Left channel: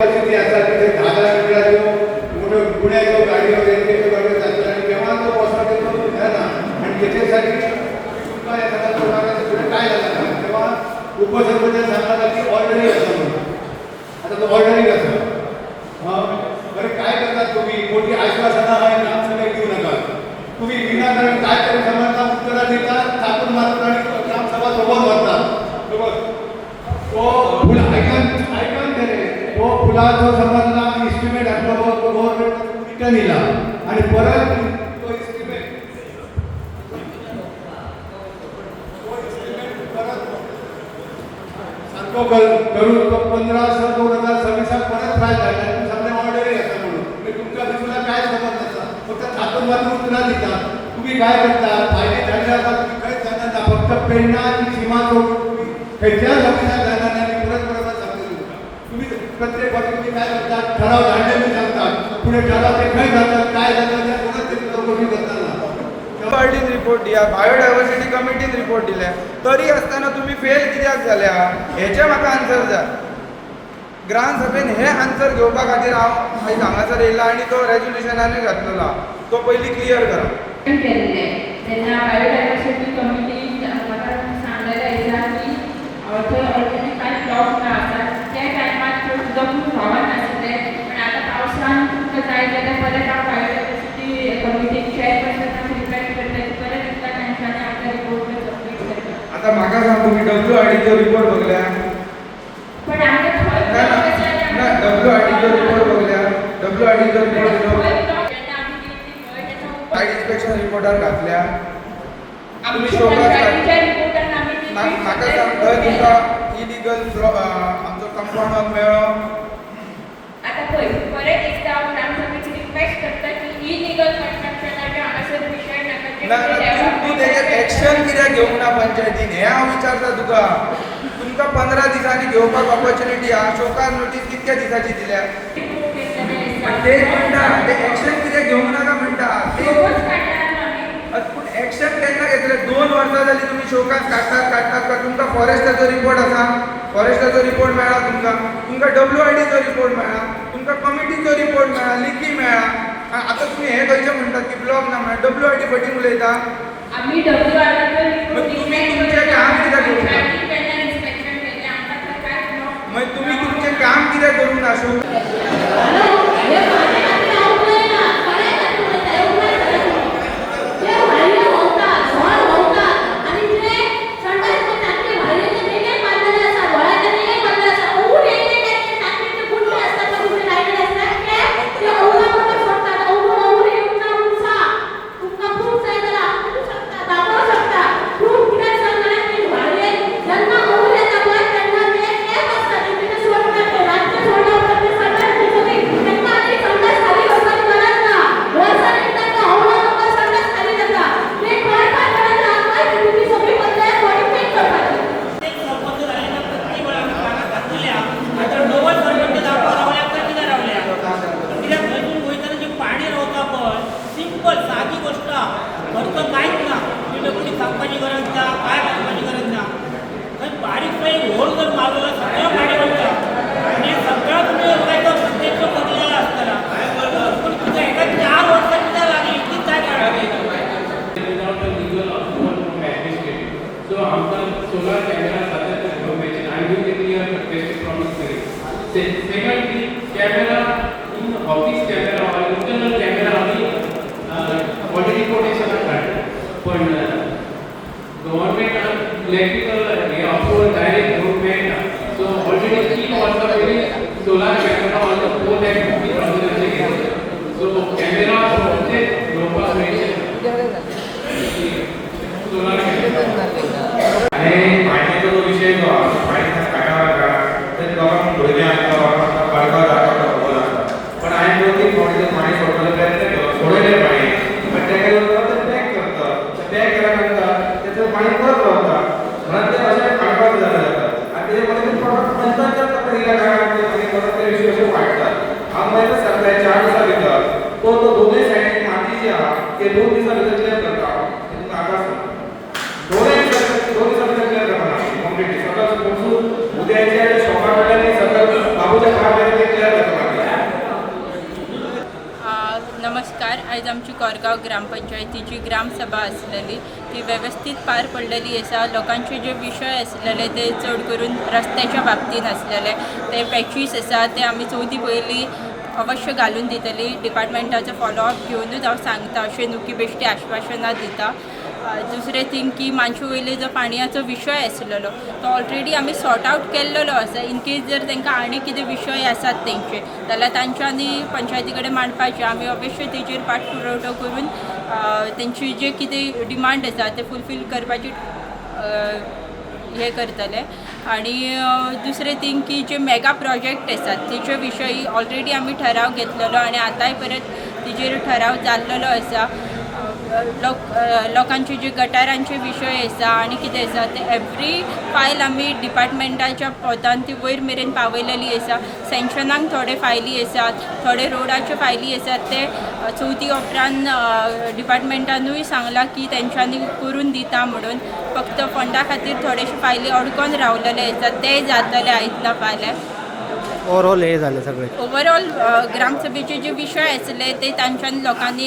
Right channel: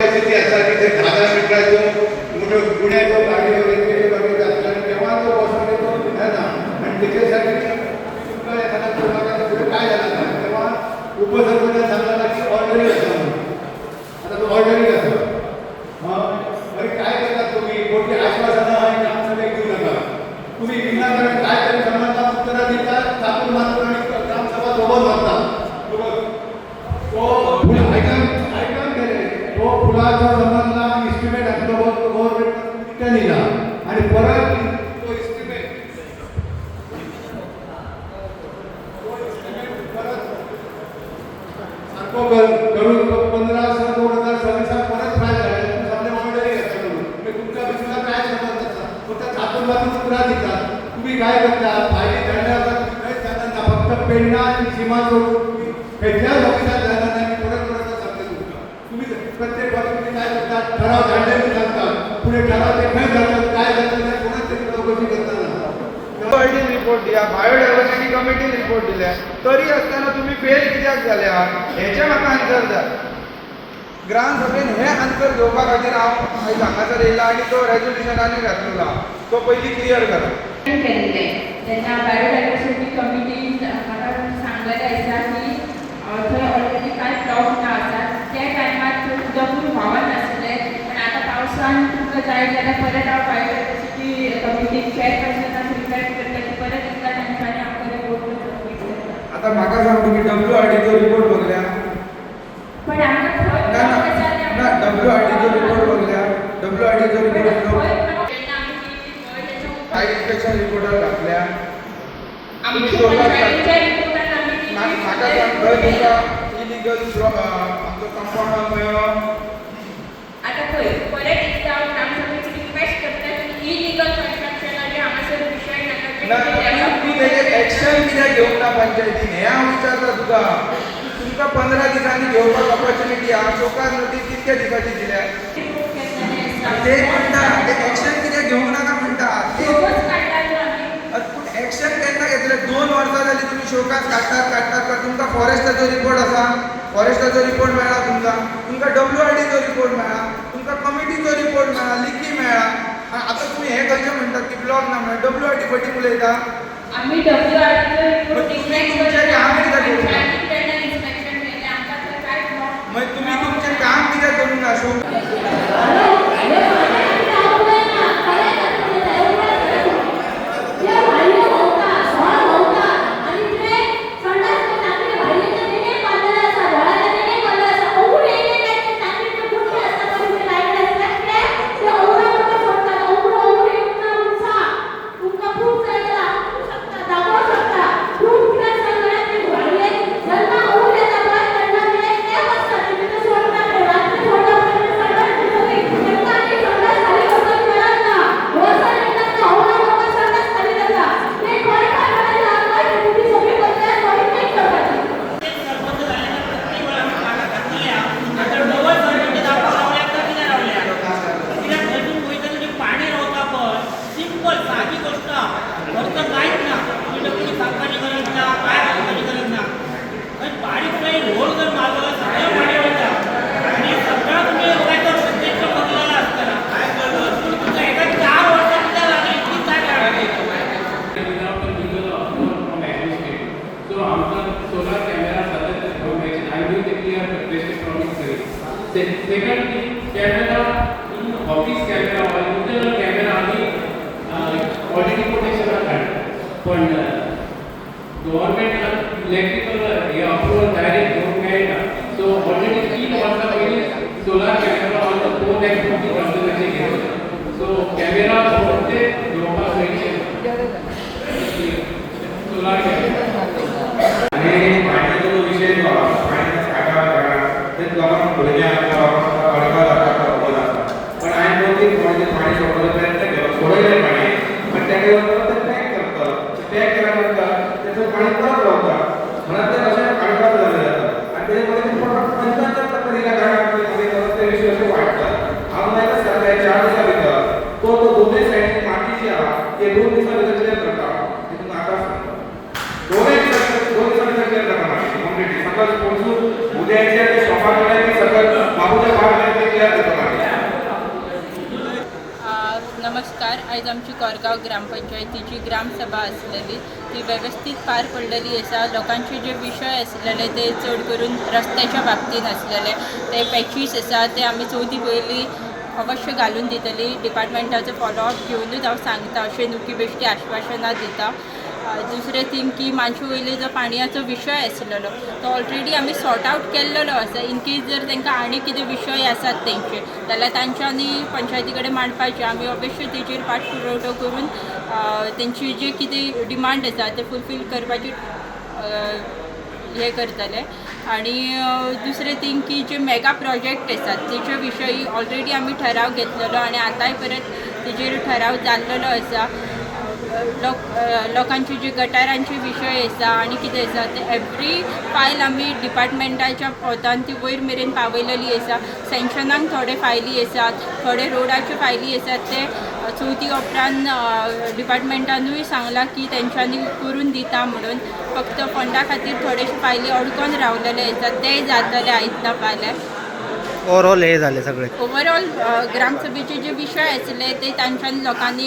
परिस्थिती असा की ते 10 मिनिटाचो मोठं पुण्याचो गाडीवर येते गाडीवर जातात आणि तेव्हा तो बसमध्ये तो निघाला आणि त्याच्यासाठी तुमचा एखादा तो मागायचा पुढे काय झालं का तेव्हा उपसरपंच सांगला की ऑर्डरिंग असं म्हणून आता तो ऑर्डरिंग असं अरे काय करतात तुम्ही मोठी आश्वासनं आहे काम सगळे घेऊ नका तुम्ही विनाकारण काय तरी समाजाला उत्तरं देतात थापून मारतात आणि ग्रामसभा सोबत होतात तो फुल ऐकून करे तो फुलाचा संबंधला इस्टिमेट असतो तो गव्हर्नमेंट रिटर्न दिला आणि परत तो इस्टिमेट परत सारखो करून 15/6/2026 परत फायल झाला सगळे ऑर्डर येतात म्हणून तुमच्या बिजूला काय संबंध असा फक्त थापून मारून उत्तरा देतात तुम्ही काय करता फायदे झाल्यावर तुम्ही काहीच जाणार ना फक्त पेंडा आणि सीमा सोडून खंयच्याच ऑफिसात जाणार नाही परत सांगते तुमका तुम्ही प्रत्येक वर्षी तुम्ही काय करतात ठराव धाडले सांगतात पुढे ठराव ते खंय जातात काय जातात ते कोणाच तरी चौकशी करताना ऑडिट रिपोर्ट दिया बायोडायव्हर्सिटी कमिटीन रिपोर्ट दिल्या तरी असताना तुम्ही फेल कित्याक जाल्या हेचे म्हाका आन्सर जाय ग्रामसभेन हे आन्सर घेवपा खातीर हांव आयज हांगासर येयला आनी तो रेजोल्युशनानूय घातलेलो तो पयलीं क्लियर करा केल्ले तेन्ना बायोडायव्हर्सिटी कमिटी म्हाका सांगलेलें आसा की थंय ऑलरेडी कांय प्लॉट ना आसा त्या टायमार थंय उदक खूब व्हांवत नाशिल्लें पण आतां पावसान तुमकां जाय जाल्यार परत हांव बायोडायव्हर्सिटी कमिटीक चेअरपर्सनाक रिक्वेस्ट करता की परत इतल्या टायम्सांनी आपल्या रिपोर्ट सबमीट करता आता म्हाका सांग तुमी WRDचो रिपोर्ट बघल्या पण आमकां थंय ना WRDचो रिपोर्ट बघल्या WRDचो रिपोर्ट सायट इन्स्पेक्शन रिपोर्टार घातल्या तुम्ही शोधात म्हाका सांग थंय तुमकां इलिगल आमचो कंपाउंड मेळ्ळो आता पळय परत एकदा हांव ग्रामसभेची रिक्वेस्ट करता की इलिगल कन्स्ट्रक्शनाचे हांगासर विशय नाका तूं तेजेर एक्शन कित्याक घेवंक ना पंचायतीन हें हांव विचारता तुका तुमकां 15 दिसांनी घेवपाक ऑपॉर्च्युनिटी आहा शोकार नोटीस कितक्या दिसाची दिल्या ते म्हणटा ते एक्शन कित्याक घेवंक नाका म्हणटा पूण एक्शन केन्ना घेतले 2 वर्सां जाली तुमी शोकास काडटात तुमकां फॉरेस्टाचो रिपोर्ट आसा फॉरेस्टाचो रिपोर्ट मेळ्ळा तुमकां WRDचो रिपोर्ट मेळ्ळा तुमकां कमिटीचो रिपोर्ट मेळ्ळा लिखी मेळ्ळा आतां तुमी हें खंयचें म्हणटात की ब्लॉक ना म्हणून WRD फटींग उलयता आमी WRDचो रिपोर्ट तुमी तुमचें काम कित्याक करूंक ना मागीर तुमी तुमचें काम कित्याक करूंक ना show Secondly, camera in office camera or internal camera आणि body protection असतात पण गव्हर्नमेंट इलेक्ट्रिकल हे अप्रूव्हल डायरेक्ट घेऊन घ्यायला सो ऑलरेडी 3 वर्षा पहिले सोलार कॅमेरा ऑलमोस्ट 4,50,000 चे घेतले सो कॅमेरा म्हणजे लोकांना पैसे सोलार कॅमेरा आणि पाण्याचा जो विषय जो पाण्याचा साठा ते गावात भरले आहे पण आय बोलते थोडे पाणी सोडण्याचा प्रयत्न केला सोडायला पाणी पण त्या केलं पॅक करतात पॅक केल्यानंतर त्याचं पाणी परत लावतात म्हणून ते असं काढतात झालं जातं आणि त्याच्यामध्ये प्रॉडक्ट नंतर दिला काय विषय वाटतात आम्हाला सरकार 4 दिवसाभितर तो दोन्ही साईड माती जी आहे ते 2 दिवसाभितर क्लिअर करतात ते तुम्हाला आकाश दोन्ही दिवसाभितर क्लिअर करणार कम्प्लीटली सकाळ पोहोचून उद्याच्या सकाळच्या सकाळ बाबूच्या 5 क्लिअर आयज आमची कोरगांव ग्रामपंचायतीची ग्रामसभा आसलेली ती वेवस्थीत पार पडलेली आसा. लोकांचे जे विशय आसलेले ते चड करून रस्त्याच्या बाबतीन आसलेले, ते पॅचीस आसा ते आमी चवथी पयलीं अवश्य घालून दितली. डिपार्टमेंटाचो फॉलोअप घेवनूच हांव सांगता, अशें न्हू की बेश्टी आश्वासनां दिता. दुसरें थिंग की मानशू वयले जो पाणयाचो विशय आसलेलो तो ऑलरेडी आमी सॉर्ट आवट केल्लो आसा. इन केस जर तांकां आनी कितें विशय आसात तेंचे जाल्यार तांच्यांनी पंचायती कडेन मांडपाचे. आमी अवश्य तेचेर पाठपुरावो करून तेंची जे कितें डिमांड आसा ते फुलफील करपाची हे करतले. आणि दुसरें थिंग की जे मेगा प्रोजेक्ट आसात तेचे विशयी ऑलरेडी आमी ठराव घेतलेलो आनी आतांय परत तेचेर ठराव जाल्लेलो आसा. लोकांचे जे गटारांचे विशय आसा आनी कितें आसा ते एवरी फायल आमी डिपार्टमेंटाच्या पोतान ती वयर मेरेन पावयलेली आसा. सँक्शनाक थोडे फायली आसात, थोडे रोडाच्यो फायली आसात ते चवथी उपरांत डिपार्टमेंटानूय सांगलां की तेंच्यांनी करून दिता म्हणून. फक्त फंडा खातीर थोडेशे फायली अडकून रावलेले आसात ते जातले आयतना फाल्यां. ओवरऑल हे झाले सगळे. ओवरऑल ग्रामसभेचे जे विशय आसले ते तांच्यानी लोकांनी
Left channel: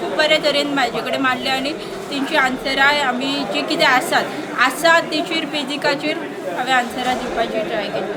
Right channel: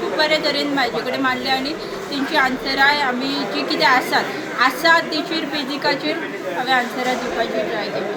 खूब बरे तरेन म्हाजे कडेन मांडले आनी तेंची आन्सराय आमी जे कितें आसात तेचेर बेजिकाचेर हांवें आन्सरां दिवपाची ट्राय केली.